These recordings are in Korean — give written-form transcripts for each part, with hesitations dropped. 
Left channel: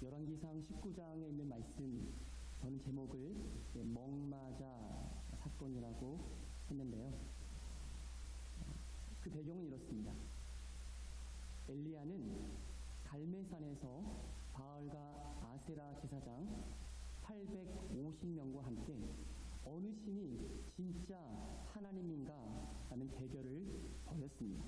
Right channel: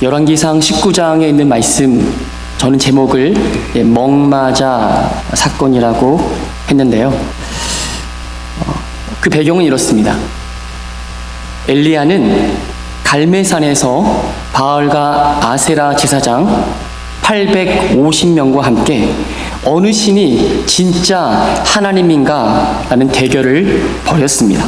열왕기상 19장에 있는 말씀, 저는 제목을 먹마자 사건이라고 했는데요. 그 배경은 이렇습니다. 엘리야는 갈멜산에서 바알과 아세라 제사장 850명과 함께 어느 신이 진짜 하나님인가 라는 대결을 벌였습니다.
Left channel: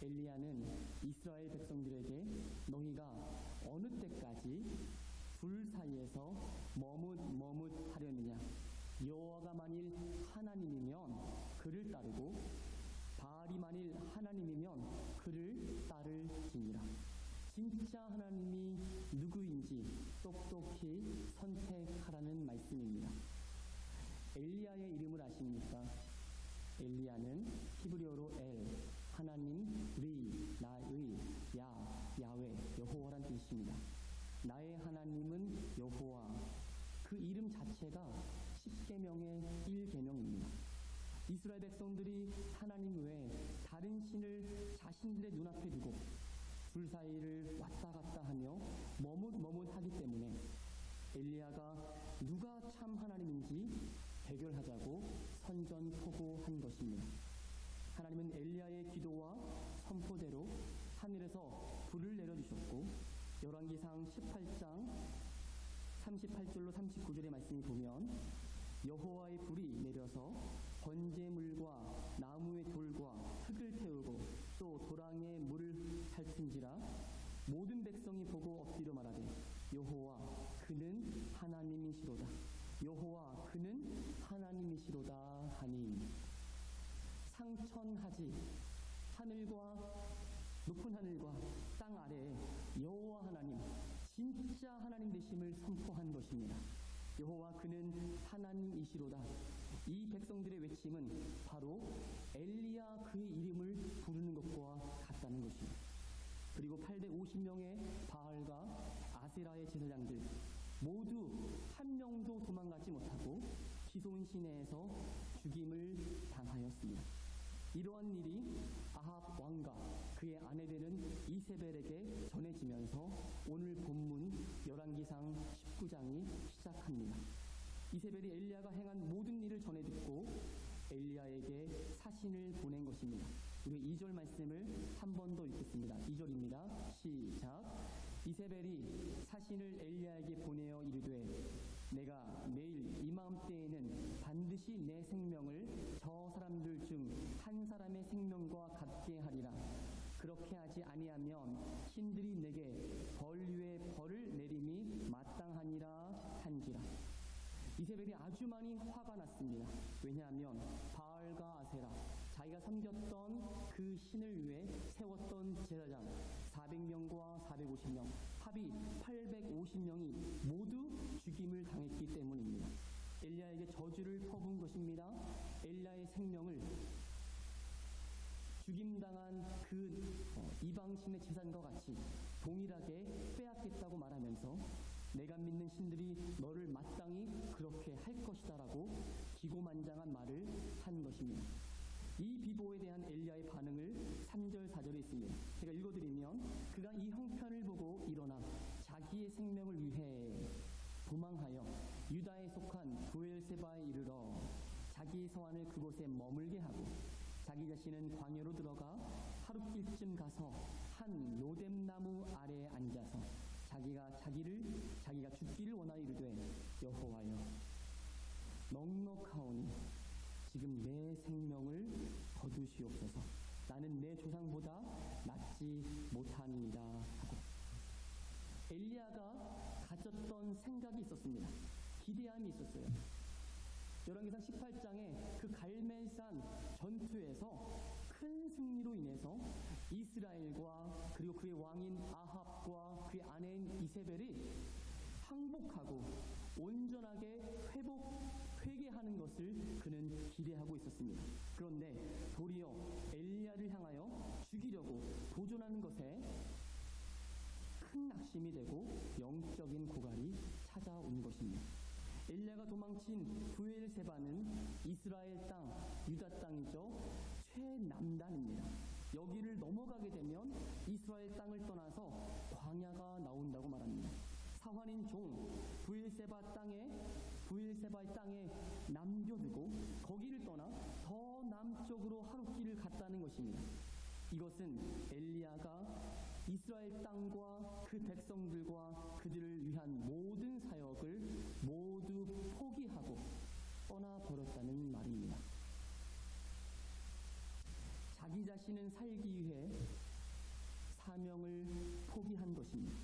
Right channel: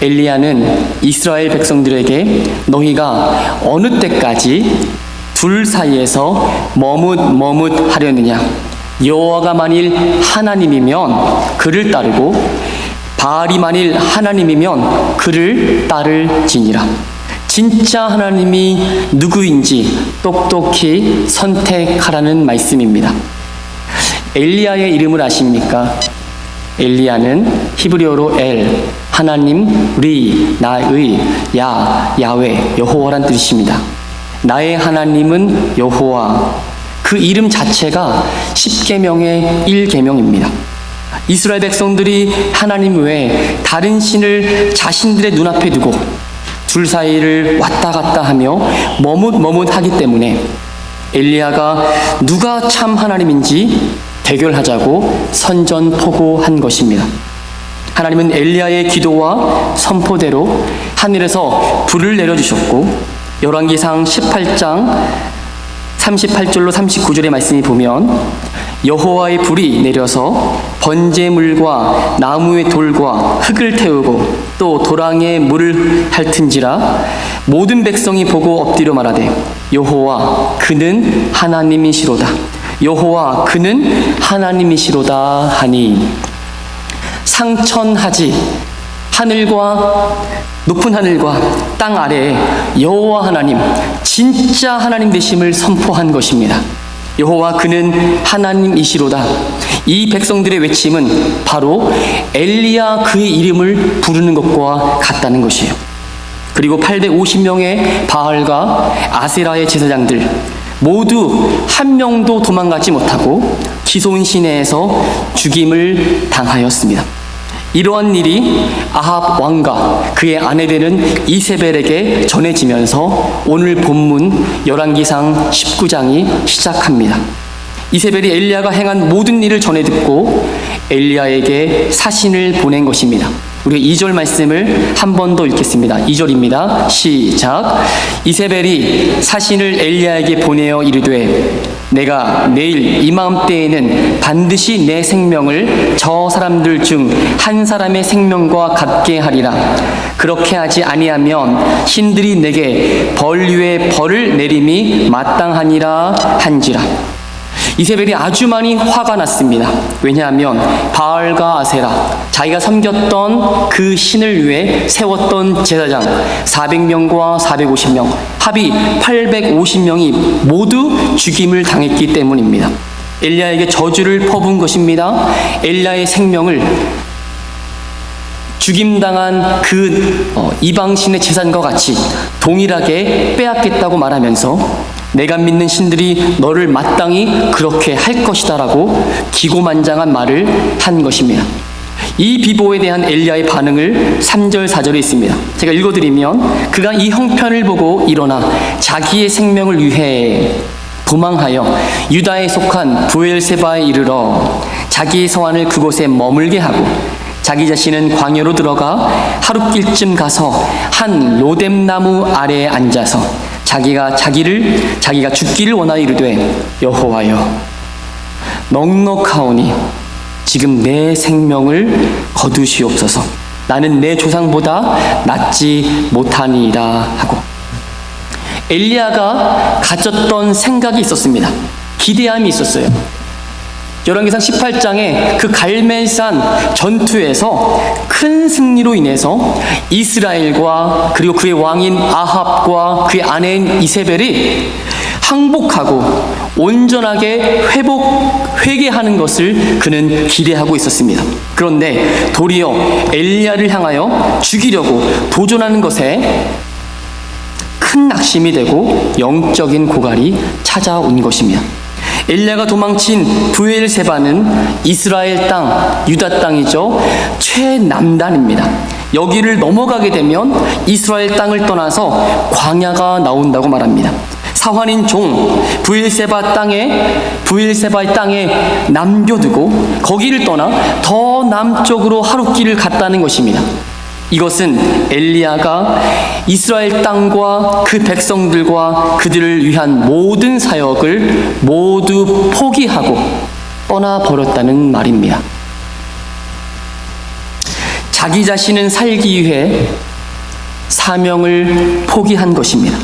엘리야는 이스라엘 백성들에게 너희가 어느 때까지 둘 사이에서 머뭇하려느냐, 여호와가 만일 하나님이면 그를 따르고 바알이 만일 하나님이면 그를 따를지니라. 진짜 하나님이 누구인지 똑똑히 선택하라는 말씀입니다. 엘리야의 이름을 아십니까? 엘리야는 히브리어로 엘, 하나님, 리, 나의, 야훼, 여호와란 뜻입니다. 나의 하나님은 여호와, 그 이름 자체가 10계명의 1계명입니다. 이스라엘 백성들이 하나님 외에 다른 신을 자신들의 눈앞에 두고 둘 사이를 왔다 갔다 하며 머뭇하기 때문에 엘리야가 누가 참 하나님인지 대결하자고 선전포고한 것입니다. 하나님은 엘리야의 기도와 선포대로 하늘에서 불을 내려주셨고, 열왕기상 18장 38절로 39절의 말씀이 보면 여호와의 불이 내려서 번제물과 나무의 돌과 흙을 태우고 또 도랑에 물을 핥은지라 모든 백성이 보고 엎드려 말하되 여호와 그는 하나님이시로다, 여호와 그는 하나님이시로다 하니, 상천하지 높은 하늘과 땅 아래에 여호와 하나님, 진짜 하나님 되심을 선포한 것입니다. 여호와 그는 하나님이시로다. 이 백성들의 외침은 바로 엘리야 그의 이름을 부르는 것과 같다는 것이에요. 그리고 850명의 바알과 아세라의 제사장들 모두 한 명도 도망가지 못하고 기손 시내에서 죽임을 당하였습니다. 이러한 일이 아합 왕과 그의 아내 되는 이세벨에게 전해지면서 오늘 본문 열왕기상 19장이 시작합니다. 이세벨이 엘리야가 행한 모든 일을 전해 듣고 엘리야에게 사신을 보낸 것입니다. 우리 2절 말씀을 한 번 더 읽겠습니다. 2절입니다. 시작. 이세벨이 사신을 엘리야에게 보내어 이르되 내가 내일 이맘때에는 반드시 내 생명을 저 사람들 중 한 사람의 생명과 같게 하리라. 그렇게 하지 아니하면 신들이 내게 벌 위에 벌을 내림이 마땅하니라 한지라. 이세벨이 아주 많이 화가 났습니다. 왜냐하면 바알과 아세라, 자기가 섬겼던 그 신을 위해 세웠던 제사장 400명과 450명, 합이 850명이 모두 죽임을 당했기 때문입니다. 엘리야에게 저주를 퍼부은 것입니다. 엘리야의 생명을 죽임당한 그 이방신의 제사장과 같이 동일하게 빼앗겠다고 말하면서 내가 믿는 신들이 너를 마땅히 그렇게 할 것이다 라고 기고만장한 말을 한 것입니다. 이 비보에 대한 엘리야의 반응을 3절 4절에 있습니다. 제가 읽어드리면 그가 이 형편을 보고 일어나 자기의 생명을 위해 도망하여 유다에 속한 브엘세바에 이르러 자기의 서원을 그곳에 머물게 하고 자기 자신은 광야로 들어가 하룻길쯤 가서 한 로뎀나무 아래에 앉아서 자기가 죽기를 원하여 이르되 여호와여 넉넉하오니 지금 내 생명을 거두시옵소서. 나는 내 조상보다 낫지 못하니이다 하고, 엘리야가 가졌던 생각이 있었습니다. 기대함이 있었어요. 열왕기상 18장에 그 갈멜산 전투에서 큰 승리로 인해서 이스라엘과 그리고 그의 왕인 아합과 그의 아내인 이세벨이 항복하고 온전하게 회개하는 것을 그는 기대하고 있었습니다. 그런데 도리어 엘리야를 향하여 죽이려고 도전하는 것에 큰 낙심이 되고 영적인 고갈이 찾아온 것입니다. 엘리야가 도망친 브엘세바는 이스라엘 땅, 유다 땅이죠. 최남단입니다. 여기를 넘어가게 되면 이스라엘 땅을 떠나서 광야가 나온다고 말합니다. 사환인 종 브엘세바의 땅에 남겨두고 거기를 떠나 더 남쪽으로 하룻길을 갔다는 것입니다. 이것은 엘리야가 이스라엘 땅과 그 백성들과 그들을 위한 모든 사역을 모두 포기하고 떠나버렸다는 말입니다. 자기 자신은 살기 위해 사명을 포기한 것입니다.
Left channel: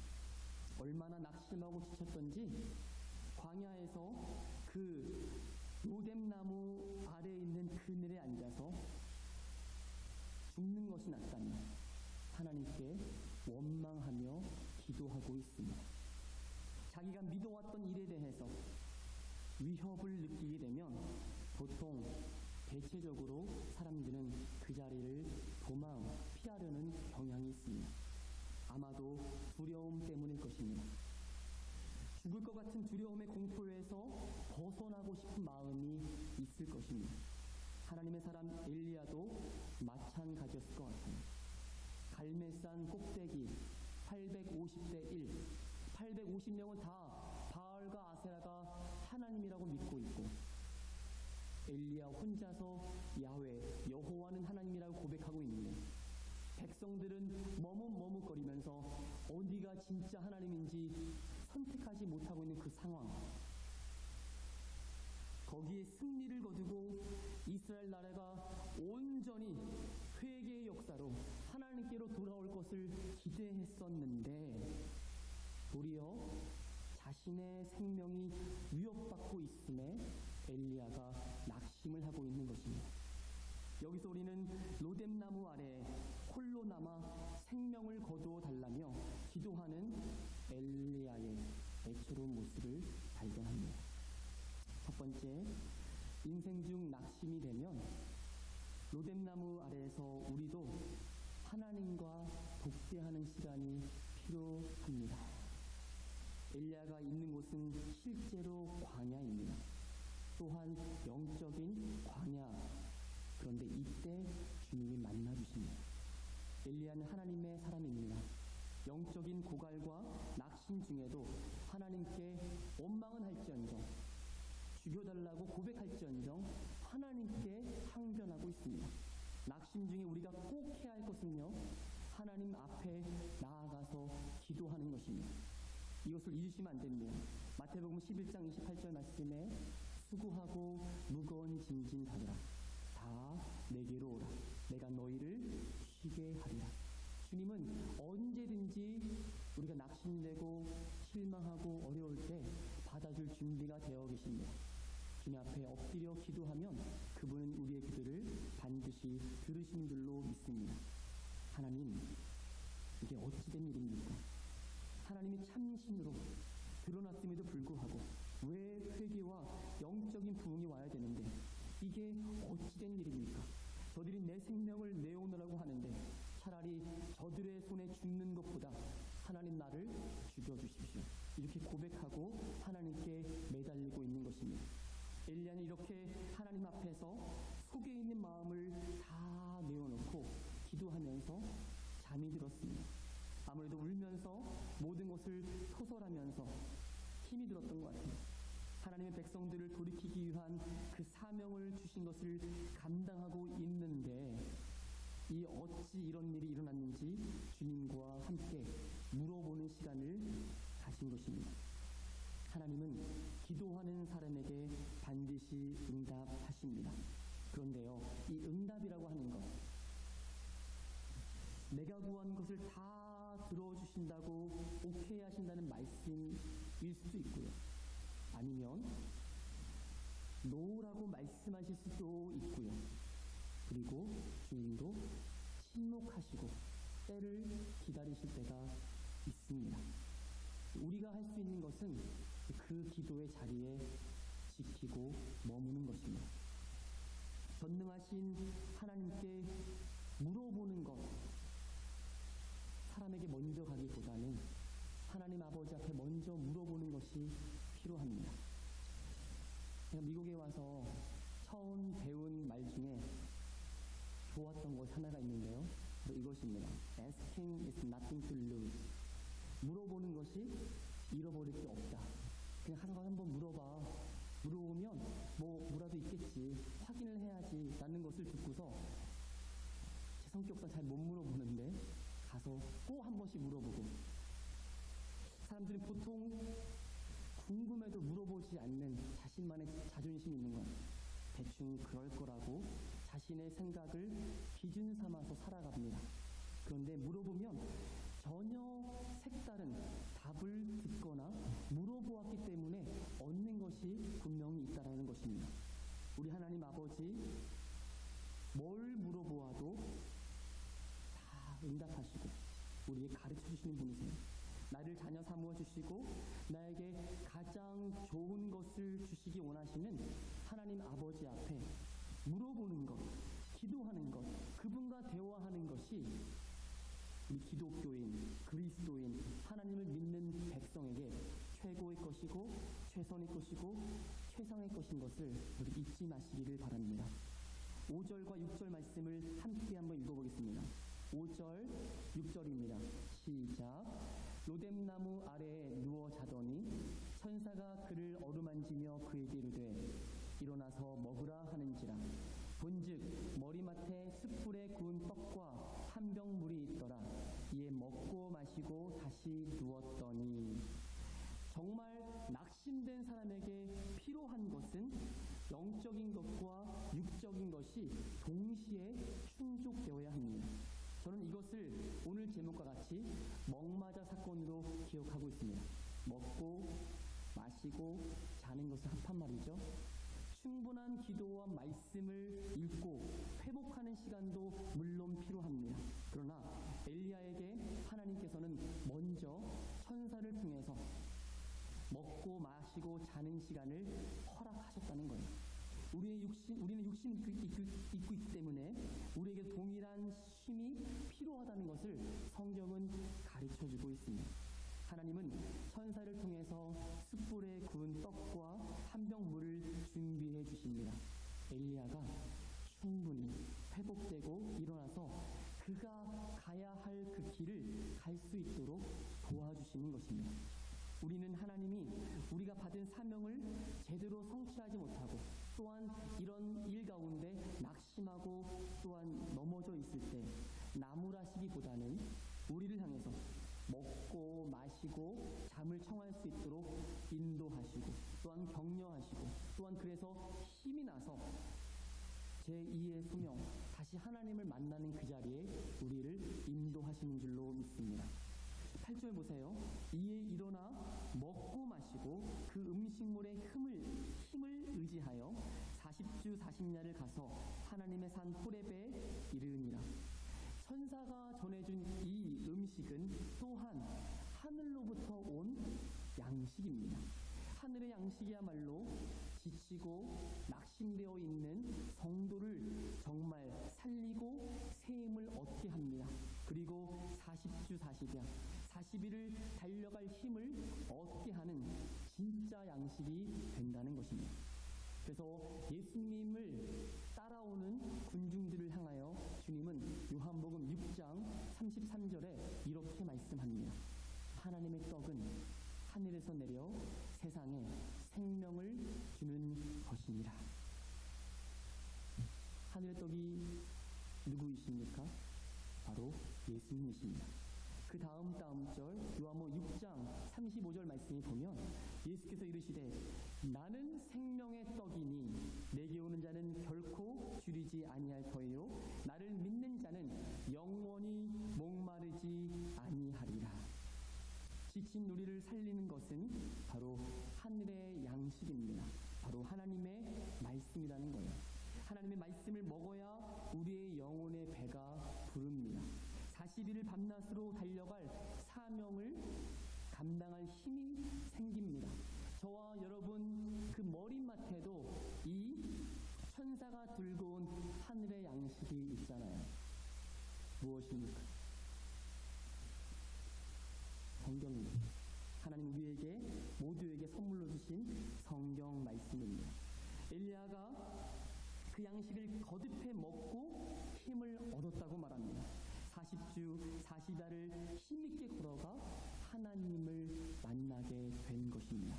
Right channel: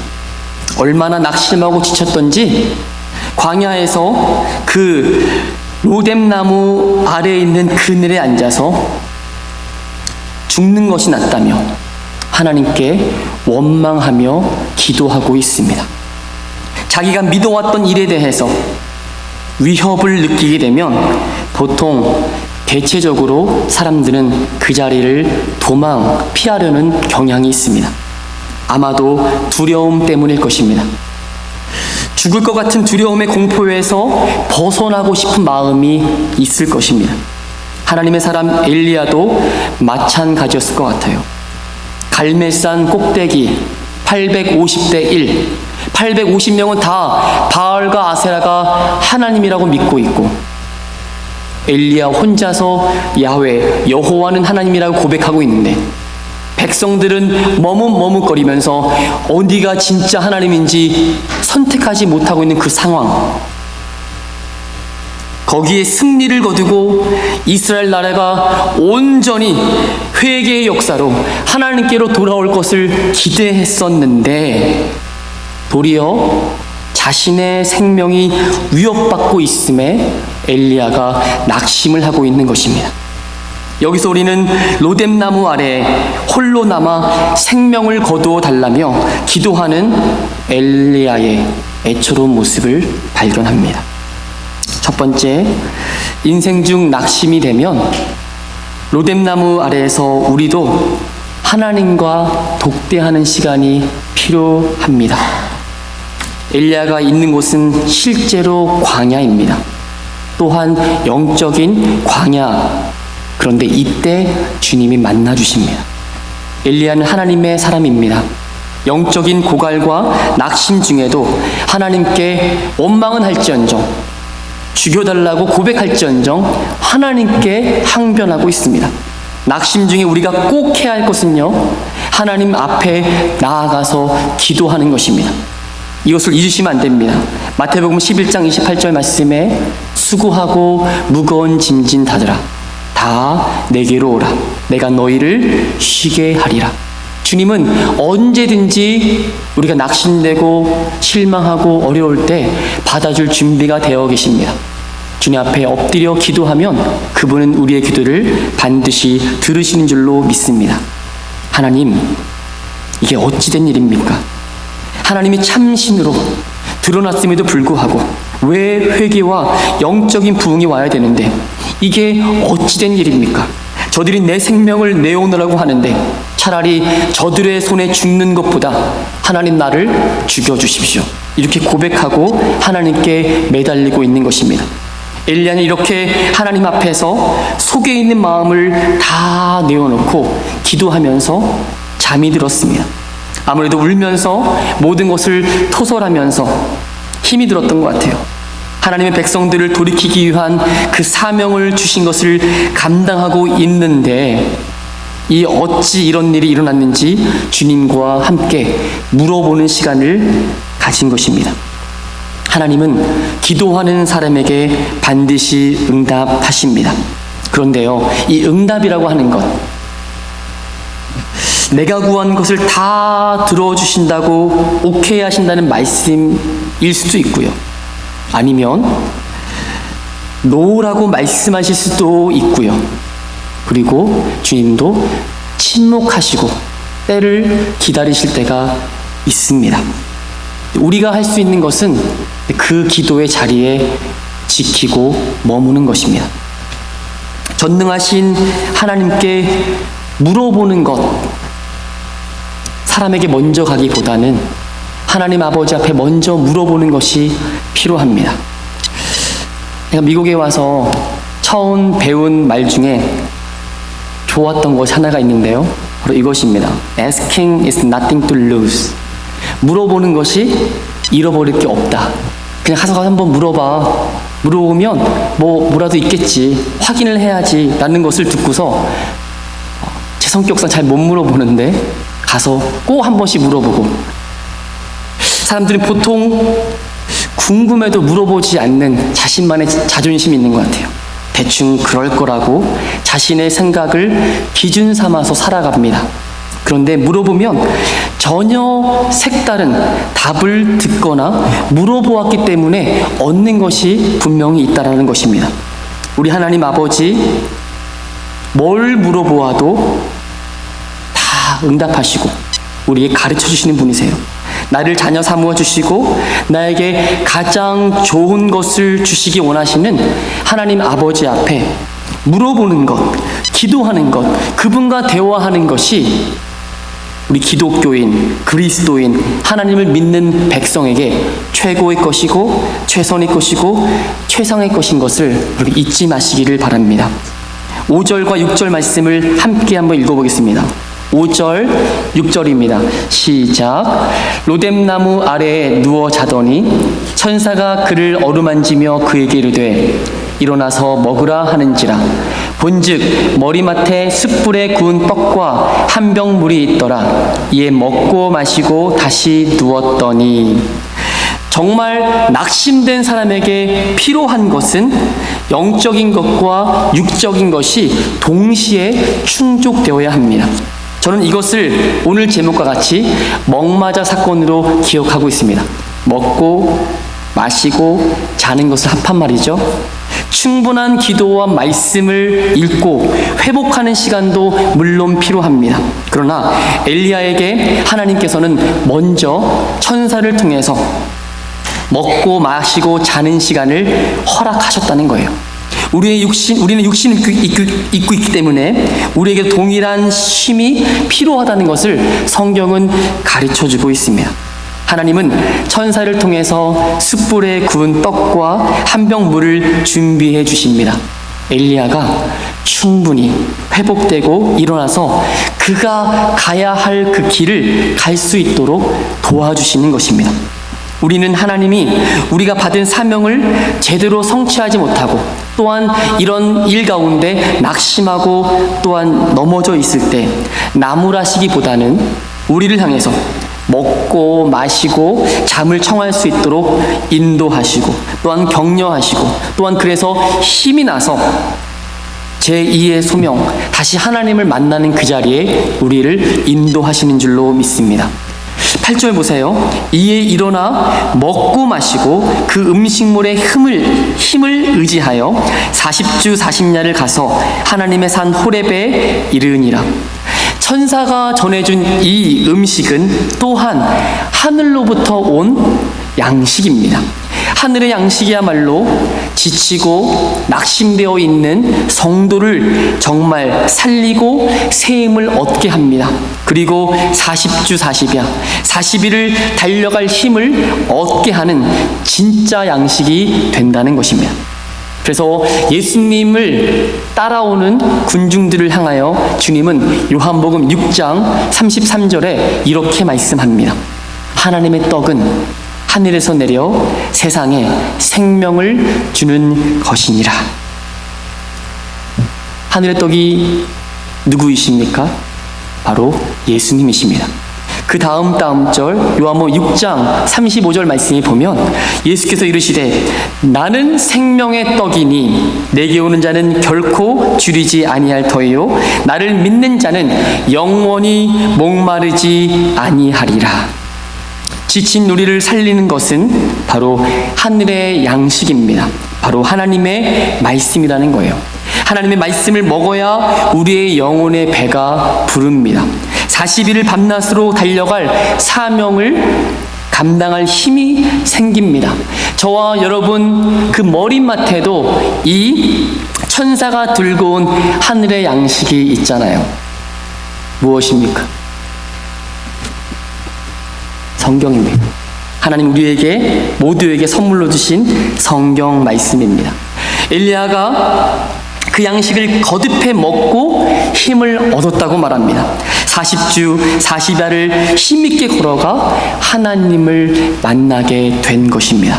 얼마나 낙심하고 지쳤던지 광야에서 그 로뎀나무 아래에 있는 그늘에 앉아서 죽는 것이 낫다며 하나님께 원망하며 기도하고 있습니다. 자기가 믿어왔던 일에 대해서 위협을 느끼게 되면 보통 대체적으로 사람들은 그 자리를 피하려는 경향이 있습니다. 아마도 두려움 때문일 것입니다. 죽을 것 같은 두려움의 공포에서 벗어나고 싶은 마음이 있을 것입니다. 하나님의 사람 엘리야도 마찬가지였을 것 같아요. 갈멜산 꼭대기 850대 1, 850명은 다 바알과 아세라가 하나님이라고 믿고 있고 엘리야 혼자서 야훼, 여호와는 하나님이라고 고백하고 있는데 백성들은 머뭇머뭇거리면서 어디가 진짜 하나님인지 선택하지 못하고 있는 그 상황, 거기에 승리를 거두고 이스라엘 나라가 온전히 회개의 역사로 하나님께로 돌아올 것을 기대했었는데 도리어 자신의 생명이 위협받고 있음에 엘리야가 낙심을 하고 있는 것입니다. 여기서 우리는 로뎀나무 아래 홀로 남아 생명을 거두어 달라며 기도하는 엘리야의 애처로운 모습을 발견합니다. 첫 번째, 인생 중 낙심이 되면 로뎀나무 아래에서 우리도 하나님과 독대하는 시간이 필요합니다. 엘리야가 있는 곳은 실제로 광야입니다. 또한 영적인 광야. 그런데 이때 주님이 만나 주십니다. 엘리야는 하나님의 사람입니다. 영적인 고갈과 낙심 중에도 하나님께 원망은 할지언정, 죽여달라고 고백할지언정 하나님께 항변하고 있습니다. 낙심 중에 우리가 꼭 해야 할 것은요, 하나님 앞에 나아가서 기도하는 것입니다. 이것을 잊으시면 안 됩니다. 마태복음 11장 28절 말씀에 수고하고 무거운 짐진 다들아 다 내게로 오라. 내가 너희를 쉬게 하리라. 주님은 언제든지 우리가 낙심되고 실망하고 어려울 때 받아줄 준비가 되어 계십니다. 주님 앞에 엎드려 기도하면 그분은 우리의 기도를 반드시 들으시는 줄로 믿습니다. 하나님, 이게 어찌된 일입니까? 하나님이 참신으로 드러났음에도 불구하고 왜 회개와 영적인 부흥이 와야 되는데 이게 어찌된 일입니까? 저들이 내 생명을 내오느라고 하는데 차라리 저들의 손에 죽는 것보다 하나님 나를 죽여주십시오. 이렇게 고백하고 하나님께 매달리고 있는 것입니다. 엘리야는 이렇게 하나님 앞에서 속에 있는 마음을 다 내어놓고 기도하면서 잠이 들었습니다. 아무래도 울면서 모든 것을 토설하면서 힘이 들었던 것 같아요. 하나님의 백성들을 돌이키기 위한 그 사명을 주신 것을 감당하고 있는데 이 어찌 이런 일이 일어났는지 주님과 함께 물어보는 시간을 가진 것입니다. 하나님은 기도하는 사람에게 반드시 응답하십니다. 그런데요, 이 응답이라고 하는 것, 내가 구한 것을 다 들어주신다고 오케이 하신다는 말씀일 수도 있고요. 아니면 노라고 말씀하실 수도 있고요. 그리고 주님도 침묵하시고 때를 기다리실 때가 있습니다. 우리가 할 수 있는 것은 그 기도의 자리에 지키고 머무는 것입니다. 전능하신 하나님께 물어보는 것, 사람에게 먼저 가기보다는 하나님 아버지 앞에 먼저 물어보는 것이 필요합니다. 내가 미국에 와서 처음 배운 말 중에 좋았던 것이 하나가 있는데요. 바로 이것입니다. Asking is nothing to lose. 물어보는 것이 잃어버릴 게 없다. 그냥 가서 한번 물어봐. 물어보면 뭐라도 있겠지. 확인을 해야지. 라는 것을 듣고서 제 성격상 잘 못 물어보는데 가서 꼭 한 번씩 물어보고, 사람들이 보통 궁금해도 물어보지 않는 자신만의 자존심이 있는 것 같아요. 대충 그럴 거라고 자신의 생각을 기준 삼아서 살아갑니다. 그런데 물어보면 전혀 색다른 답을 듣거나 물어보았기 때문에 얻는 것이 분명히 있다는 것입니다. 우리 하나님 아버지, 뭘 물어보아도 다 응답하시고 우리에게 가르쳐 주시는 분이세요. 나를 자녀 삼아 주시고 나에게 가장 좋은 것을 주시기 원하시는 하나님 아버지 앞에 물어보는 것, 기도하는 것, 그분과 대화하는 것이 우리 기독교인, 그리스도인, 하나님을 믿는 백성에게 최고의 것이고 최선의 것이고 최상의 것인 것을 우리 잊지 마시기를 바랍니다. 5절과 6절 말씀을 함께 한번 읽어보겠습니다. 5절, 6절입니다. 시작. 로뎀나무 아래에 누워 자더니 천사가 그를 어루만지며 그에게 이르되 일어나서 먹으라 하는지라. 본즉 머리맡에 숯불에 구운 떡과 한 병 물이 있더라. 이에 먹고 마시고 다시 누웠더니, 정말 낙심된 사람에게 필요한 것은 영적인 것과 육적인 것이 동시에 충족되어야 합니다. 저는 이것을 오늘 제목과 같이 먹마자 사건으로 기억하고 있습니다. 먹고 마시고 자는 것을 합한 말이죠. 충분한 기도와 말씀을 읽고 회복하는 시간도 물론 필요합니다. 그러나 엘리야에게 하나님께서는 먼저 천사를 통해서 먹고 마시고 자는 시간을 허락하셨다는 거예요. 우리는 육신을 입고 있기 때문에 우리에게 동일한 쉼이 필요하다는 것을 성경은 가르쳐주고 있습니다. 하나님은 천사를 통해서 숯불에 구운 떡과 한 병 물을 준비해 주십니다. 엘리야가 충분히 회복되고 일어나서 그가 가야 할 그 길을 갈 수 있도록 도와주시는 것입니다. 우리는 하나님이 우리가 받은 사명을 제대로 성취하지 못하고 또한 이런 일 가운데 낙심하고 또한 넘어져 있을 때 나무라시기보다는 우리를 향해서 먹고 마시고 잠을 청할 수 있도록 인도하시고 또한 격려하시고 또한 그래서 힘이 나서 제2의 소명, 다시 하나님을 만나는 그 자리에 우리를 인도하시는 줄로 믿습니다. 8절 보세요. 이에 일어나 먹고 마시고 그 음식물의 힘을 의지하여 40주 40야를 가서 하나님의 산 호렙에 이르니라. 천사가 전해준 이 음식은 또한 하늘로부터 온 양식입니다. 하늘의 양식이야말로 지치고 낙심되어 있는 성도를 정말 살리고 새 힘을 얻게 합니다. 그리고 40주 40야, 40일을 달려갈 힘을 얻게 하는 진짜 양식이 된다는 것입니다. 그래서 예수님을 따라오는 군중들을 향하여 주님은 요한복음 6장 33절에 이렇게 말씀합니다. 하나님의 떡은 하늘에서 내려 세상에 생명을 주는 것이니라. 하늘의 떡이 누구이십니까? 바로 예수님이십니다. 그 다음 절 요한복음 6장 35절 말씀에 보면 예수께서 이르시되 나는 생명의 떡이니 내게 오는 자는 결코 줄이지 아니할 터이요 나를 믿는 자는 영원히 목마르지 아니하리라. 지친 우리를 살리는 것은 바로 하늘의 양식입니다. 바로 하나님의 말씀이라는 거예요. 하나님의 말씀을 먹어야 우리의 영혼의 배가 부릅니다. 40일을 밤낮으로 달려갈 사명을 감당할 힘이 생깁니다. 저와 여러분 그 머리맡에도 이 천사가 들고 온 하늘의 양식이 있잖아요. 무엇입니까? 성경입니다. 하나님 우리에게 모두에게 선물로 주신 성경 말씀입니다. 엘리야가 그 양식을 거듭해 먹고 힘을 얻었다고 말합니다. 40주 40야를 힘있게 걸어가 하나님을 만나게 된 것입니다.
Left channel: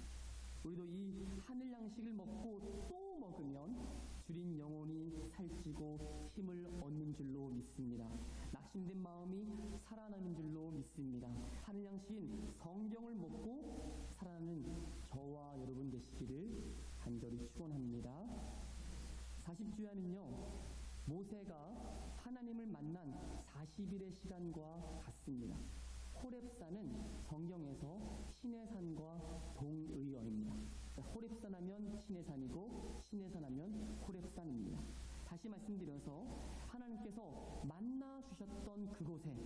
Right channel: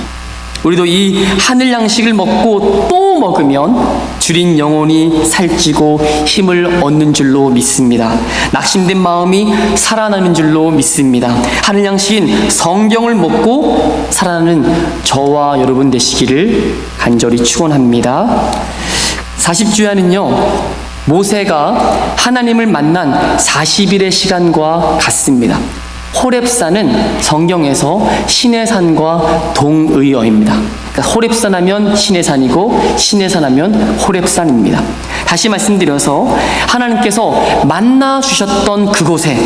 우리도 이 하늘 양식을 먹고 또 먹으면 줄인 영혼이 살찌고 힘을 얻는 줄로 믿습니다. 낙심된 마음이 살아나는 줄로 믿습니다. 하늘 양식인 성경을 먹고 살아나는 저와 여러분 되시기를 간절히 축원합니다. 40주야는요, 모세가 하나님을 만난 40일의 시간과 같습니다. 호렙산은 성경에서 시내산과 동의어입니다. 그러니까 호렙산 하면 시내산이고 시내산 하면 호렙산입니다. 다시 말씀드려서 하나님께서 만나 주셨던 그곳에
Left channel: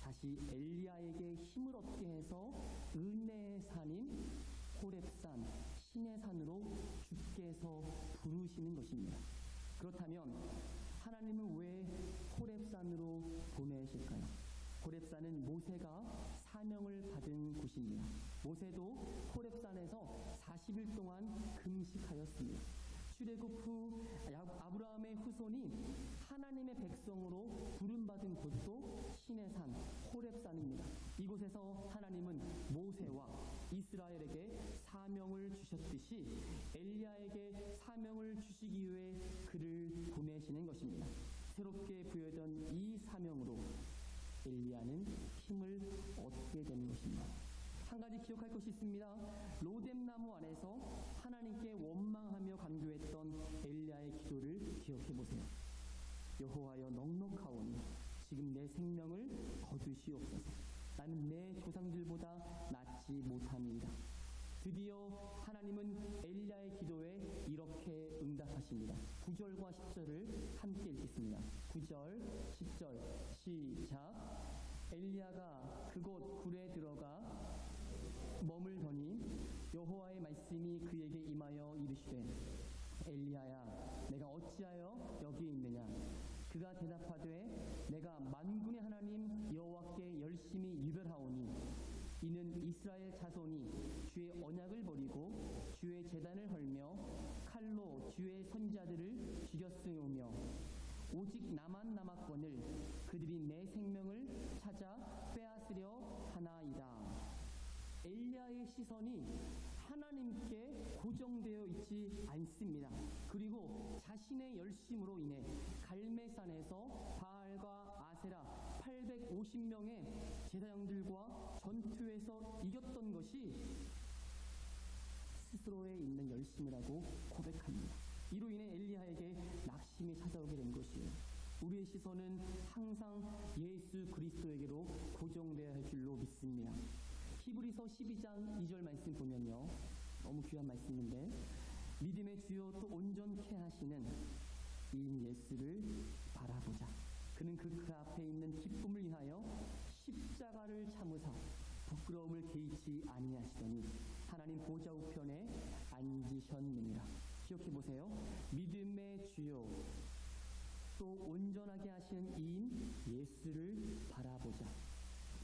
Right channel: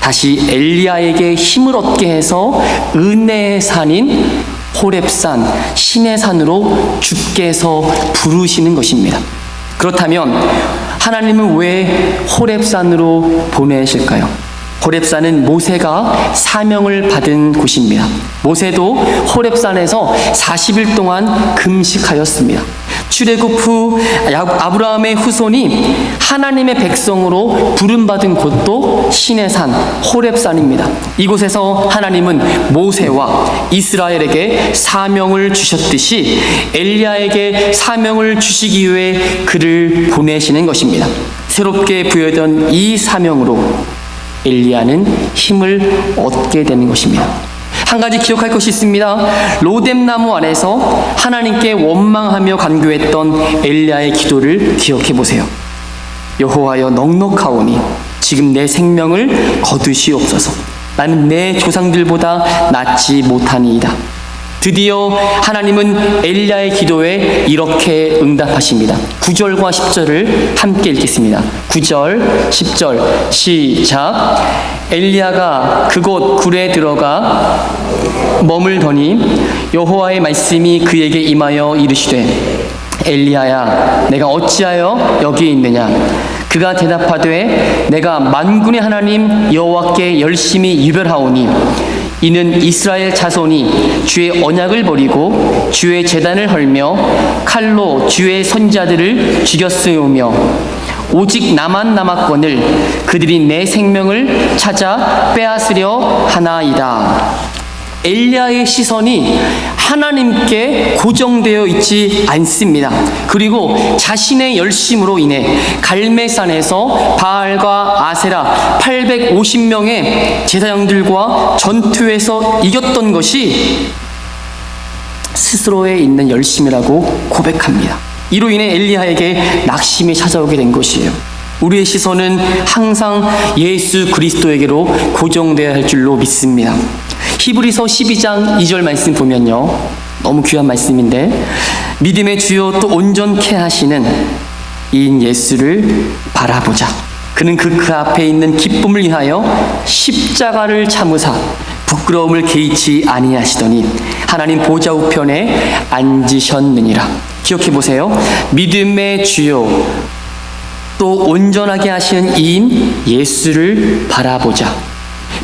다시 엘리야에게 힘을 얻게 해서 은혜의 산인 호렙산, 시내산으로 주께서 부르시는 것입니다. 그렇다면 하나님은 왜 호렙산으로 보내실까요? 호렙산은 모세가 사명을 받은 곳입니다. 모세도 호렙산에서 40일 동안 금식하였습니다. 출애굽 후 아브라함의 후손이 하나님의 백성으로 부름받은 곳도 시내산 호렙산입니다. 이곳에서 하나님은 모세와 이스라엘에게 사명을 주셨듯이 엘리야에게 사명을 주시기 위해 그를 보내시는 것입니다. 새롭게 부여된 이 사명으로 엘리야는 힘을 얻게 되는 것입니다. 한 가지 기억할 것이 있습니다. 로뎀나무 안에서 하나님께 원망하며 간구했던 엘리야의 기도를 기억해 보세요. 여호와여, 넉넉하오니 지금 내 생명을 거두시옵소서. 나는 내 조상들보다 낫지 못하니이다. 드디어 하나님은 엘리야의 기도에 이렇게 응답하십니다. 9절과 10절을 함께 읽겠습니다. 9절, 10절 시작. 엘리야가 그곳 굴에 들어가 머물더니 여호와의 말씀이 그에게 임하여 이르시되 엘리야야, 내가 어찌하여 여기 있느냐? 그가 대답하되 내가 만군의 하나님 여호와께 열심히 유별하오니 이는 이스라엘 자손이 주의 언약을 버리고 주의 제단을 헐며 칼로 주의 선지자들을 죽였으며 오직 나만 남았거늘 그들이 내 생명을 찾아 빼앗으려 하나이다. 엘리야의 시선이 하나님께 고정되어 있지 않습니다. 그리고 자신의 열심으로 인해 갈멜산에서 바알과 아세라 850명의 제사장들과 전투에서 이겼던 것이 스스로에 있는 열심이라고 고백합니다. 이로 인해 엘리야에게 낙심이 찾아오게 된 것이에요. 우리의 시선은 항상 예수 그리스도에게로 고정되어야 할 줄로 믿습니다. 히브리서 12장 2절 말씀 보면요, 너무 귀한 말씀인데, 믿음의 주요 또 온전케 하시는 이인 예수를 바라보자. 그는 그 앞에 있는 기쁨을 위하여 십자가를 참으사 부끄러움을 개의치 아니하시더니 하나님 보좌 우편에 앉으셨느니라. 기억해 보세요. 믿음의 주요 또 온전하게 하시는 이인 예수를 바라보자.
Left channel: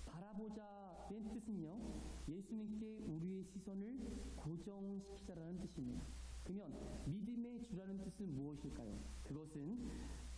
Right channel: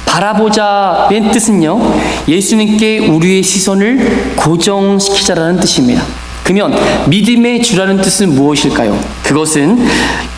바라보자의 뜻은요, 예수님께 우리의 시선을 고정시키자라는 뜻입니다. 그러면 믿음의 주라는 뜻은 무엇일까요? 그것은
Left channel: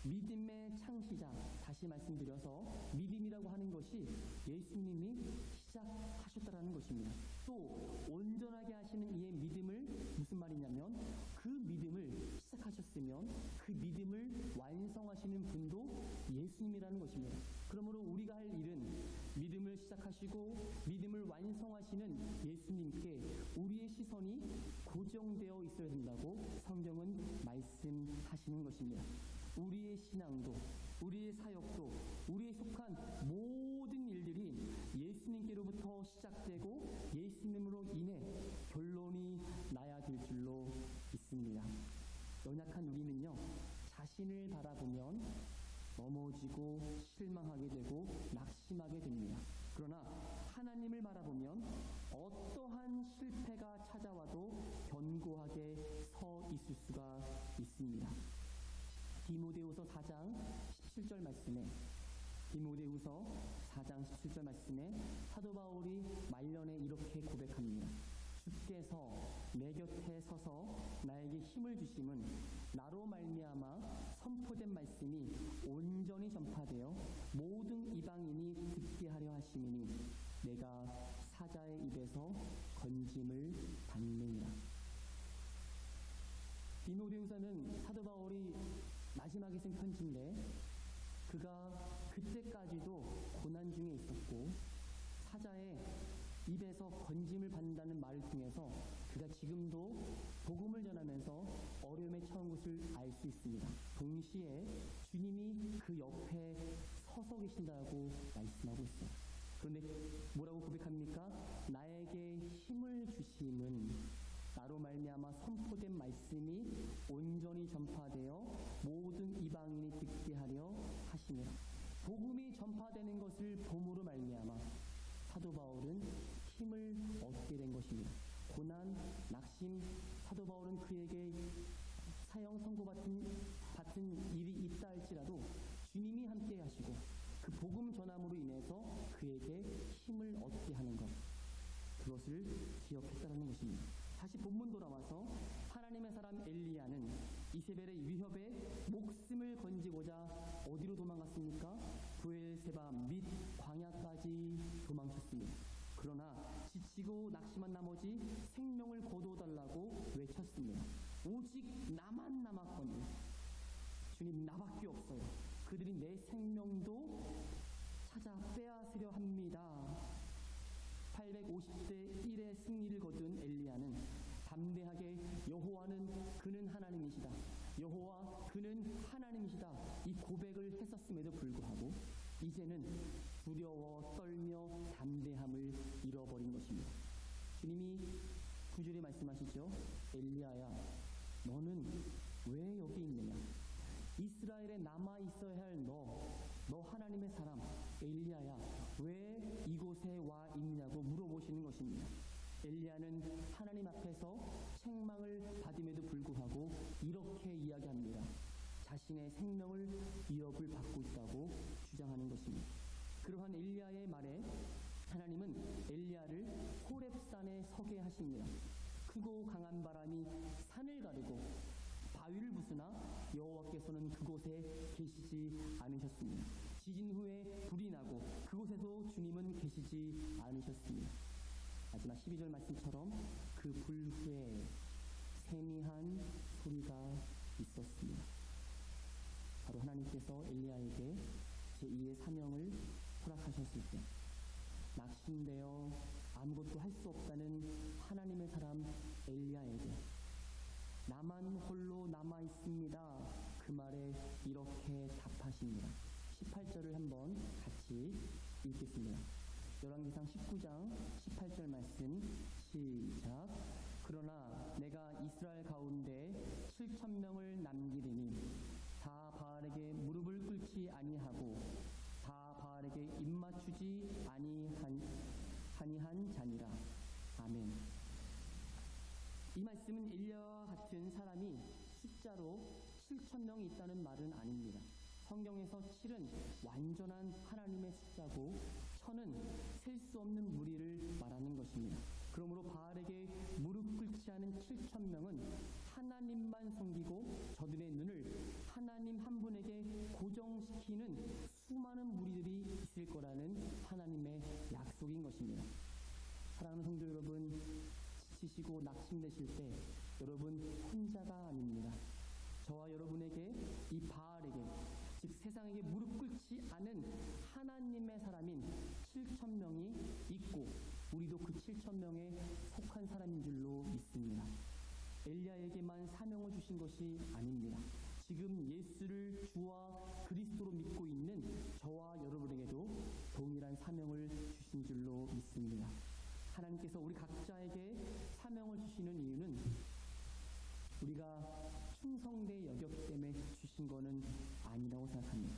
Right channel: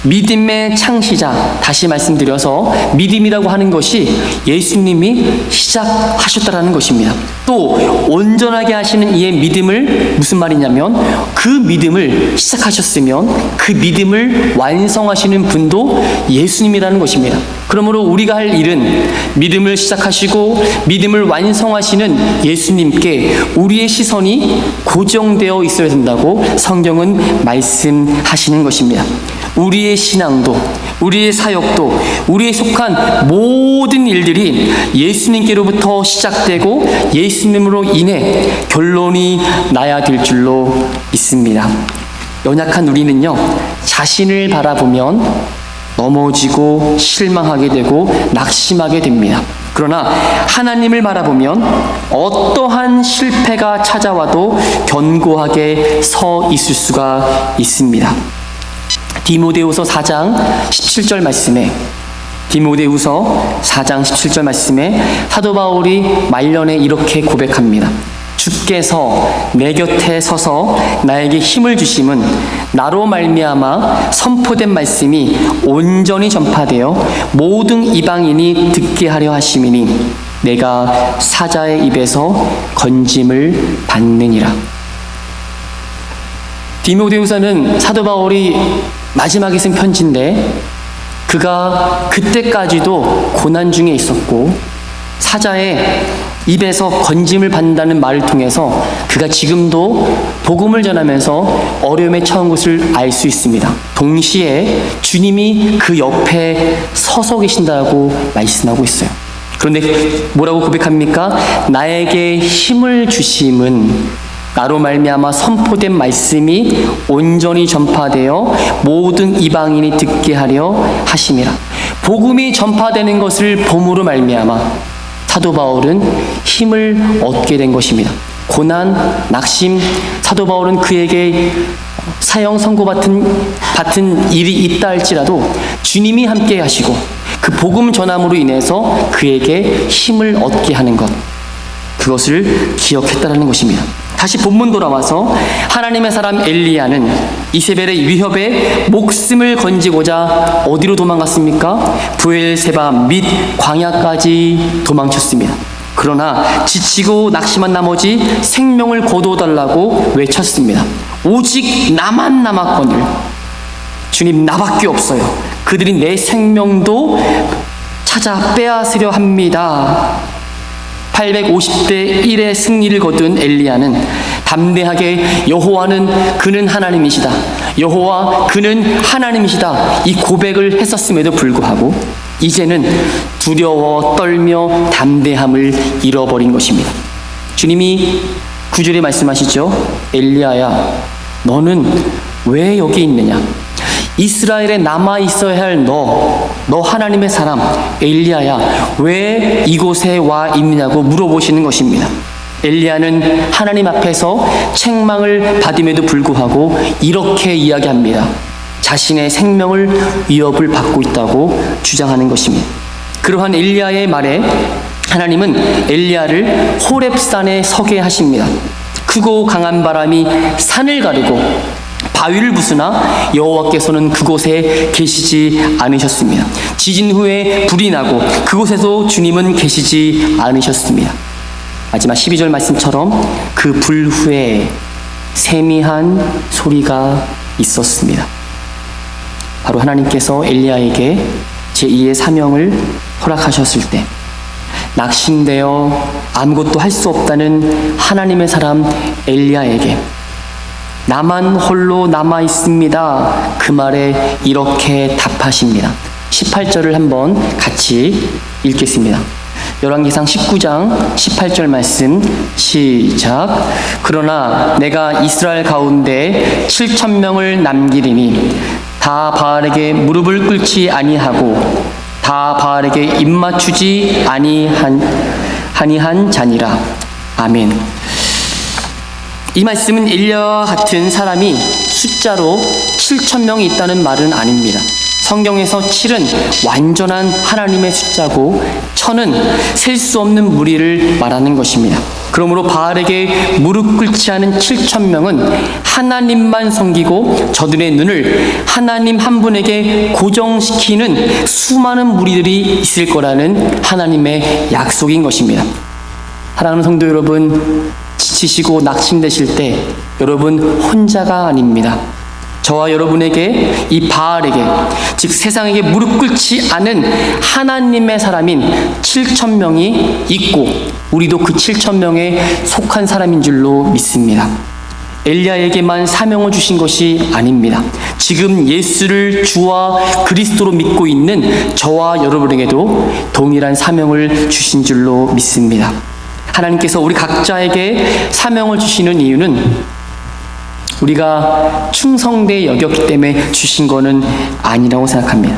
믿음의 창시자, 다시 말씀드려서 믿음이라고 하는 것이 예수님이 시작하셨다라는 것입니다. 또 온전하게 하시는 이의 믿음을 무슨 말이냐면, 그 믿음을 시작하셨으면 그 믿음을 완성하시는 분도 예수님이라는 것입니다. 그러므로 우리가 할 일은 믿음을 시작하시고 믿음을 완성하시는 예수님께 우리의 시선이 고정되어 있어야 된다고 성경은 말씀하시는 것입니다. 우리의 신앙도, 우리의 사역도, 우리의 속한 모든 일들이 예수님께로부터 시작되고 예수님으로 인해 결론이 나야 될 줄로 믿습니다. 연약한 우리는요, 자신을 바라보면 넘어지고 실망하게 되고 낙심하게 됩니다. 그러나 하나님을 바라보면 어떠한 실패가 찾아와도 견고하게 서 있을 수가 있습니다. 디모데후서 4장 17절 말씀에, 디모데후서 4장 17절 말씀에 사도 바울이 말년에 이렇게 고백합니다. 주께서 내 곁에 서서 나에게 힘을 주심은 나로 말미암아 선포된 말씀이 온전히 전파되어 모든 이방인이 듣게 하려 하심이니 내가 사자의 입에서 건짐을 받느니라. 디모데후서는 사도 바울이 마지막에 쓴 편지인데 그가 그때까지도 고난 중에 있었고 사자의 입에서 건짐을 받는다는 말을 통해서 그가 지금도 복음을 전하면서 어려움에 처한 것을 알 수 있습니다. 동시에 주님이 그 옆에 서서 계신다고 말씀하고 있어요. 그런데 뭐라고 고백합니까? 나에게 힘을 주심은 나로 말미암아 선포된 말씀이 온전히 전파되어 모든 이방인이 듣게 하려 하심이라. 복음이 전파되는 것을 봄으로 말미암아 사도 바울은 힘을 얻게 된 것입니다. 고난, 낙심, 사도 바울은 그에게 사형 선고 받은 일이 있다 할지라도 주님이 함께 하시고 그 복음 전함으로 인해서 그에게 힘을 얻게 하는 것, 그것을 기억했다는 것입니다. 다시 본문 돌아와서 하나님의 사람 엘리야는 이세벨의 위협에 목숨을 건지고자 어디로 도망갔습니까? 브엘세바 및 광야까지 도망쳤습니다. 그러나 지치고 낙심한 나머지 생명을 거두어달라고 외쳤습니다. 오직 나만 남았거늘 주님 나밖에 없어요. 그들이 내 생명도 찾아 빼앗으려 합니다. 850대 1의 승리를 거둔 엘리야는 담대하게 여호와는 그는 하나님이시다. 여호와 그는 하나님이시다. 이 고백을 했었음에도 불구하고 이제는 두려워 떨며 담대함을 잃어버린 것입니다. 주님이 9절에 말씀하시죠. 엘리야야 너는 왜 여기 있느냐? 이스라엘에 남아있어야 할 너 하나님의 사람 엘리야야 왜 이곳에 와 있느냐고 물어보시는 것입니다. 엘리야는 하나님 앞에서 책망을 받음에도 불구하고 이렇게 이야기합니다. 자신의 생명을 위협을 받고 있다고 주장하는 것입니다. 그러한 엘리야의 말에 하나님은 엘리야를 호렙산에 서게 하십니다. 크고 강한 바람이 산을 가르고 바위를 부수나 여호와께서는 그곳에 계시지 않으셨습니다. 지진 후에 불이 나고 그곳에서 주님은 계시지 않으셨습니다. 마지막 12절 말씀처럼 그 불 후에 세미한 소리가 있었습니다. 바로 하나님께서 엘리야에게 제2의 사명을 허락하셨을 때 낙심되어 아무것도 할 수 없다는 하나님의 사람 엘리야에게 나만 홀로 남아 있습니다. 그 말에 이렇게 답하십니다. 18절을 한번 같이 읽겠습니다. 열왕기상 19장 18절 말씀 시작. 그러나 내가 이스라엘 가운데 7,000명을 남기리니 다 바알에게 무릎을 꿇지 아니하고 다 바알에게 입맞추지 아니한 자니라. 아멘. 이 말씀은 엘리야와 같은 사람이 숫자로 7,000명이 있다는 말은 아닙니다. 성경에서 7은 완전한 하나님의 숫자고 1000은 셀 수 없는 무리를 말하는 것입니다. 그러므로 바알에게 무릎 꿇지 않은 7,000명은 하나님만 섬기고 저들의 눈을 하나님 한 분에게 고정시키는 수많은 무리들이 있을 거라는 하나님의 약속인 것입니다. 사랑하는 성도 여러분, 지치시고 낙심되실 때 여러분 혼자가 아닙니다. 저와 여러분에게 이 바알에게 즉 세상에게 무릎 꿇지 않은 하나님의 사람인 7,000명이 있고 우리도 그 7,000명에 속한 사람인 줄로 믿습니다. 엘리야에게만 사명을 주신 것이 아닙니다. 지금 예수를 주와 그리스도로 믿고 있는 저와 여러분에게도 동일한 사명을 주신 줄로 믿습니다. 하나님께서 우리 각자에게 사명을 주시는 이유는 우리가 충성되게 여겼기 때문에 주신 것은 아니라고 생각합니다.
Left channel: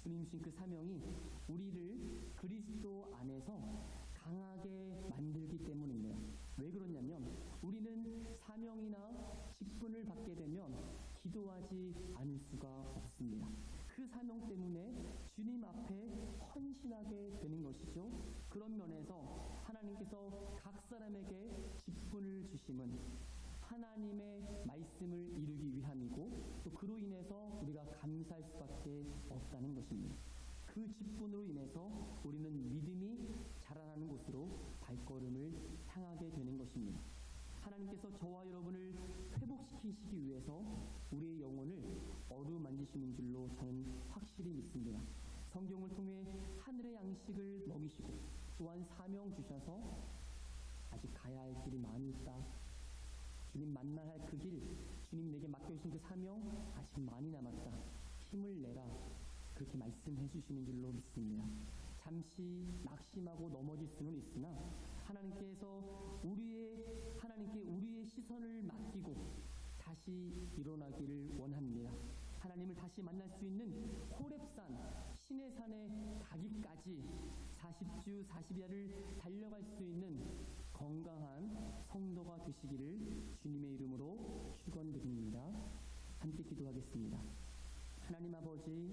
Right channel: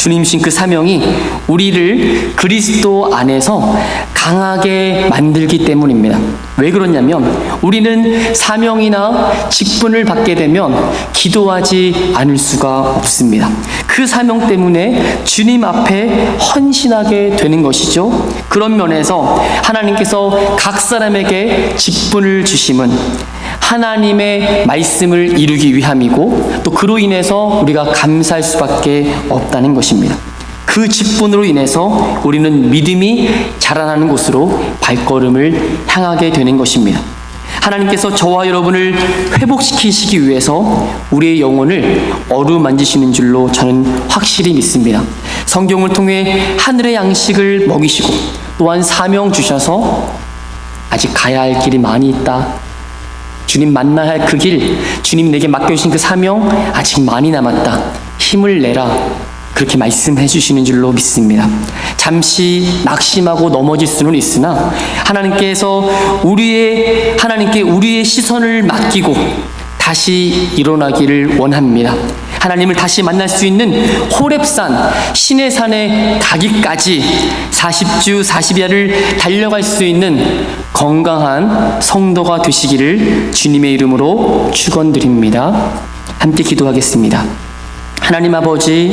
주님 주신 그 사명이 우리를 그리스도 안에서 강하게 만들기 때문입니다. 왜 그러냐면 우리는 사명이나 직분을 받게 되면 기도하지 않을 수가 없습니다. 그 사명 때문에 주님 앞에 헌신하게 되는 것이죠. 그런 면에서 하나님께서 각 사람에게 직분을 주심은 하나님의 말씀을 이루기 위함이고 또 그로 인해서 우리가 감사할 수밖에 없다는 것입니다. 그 직분으로 인해서 우리는 믿음이 자라나는 곳으로 발걸음을 향하게 되는 것입니다. 하나님께서 저와 여러분을 회복시키시기 위해서 우리의 영혼을 어루만지시는 줄로 저는 확실히 믿습니다. 성경을 통해 하늘의 양식을 먹이시고 또한 사명 주셔서 아직 가야 할 길이 많이 있다. 주님 만나야 할 그 길, 주님 내게 맡겨주신 그 사명 아직 많이 남았다. 힘을 내라. 그렇게 말씀해 주시는 줄로 믿습니다. 잠시 낙심하고 넘어질 수는 있으나 하나님께서 하나님께 우리의 시선을 맡기고 다시 일어나기를 원합니다. 하나님을 다시 만날 수 있는 호렙산 신의 산에 가기까지 40주 40야를 달려갈 수 있는 건강한 성도가 되시기를 주님의 이름으로 축원드립니다. 함께 기도하겠습니다. 하나님 아버지,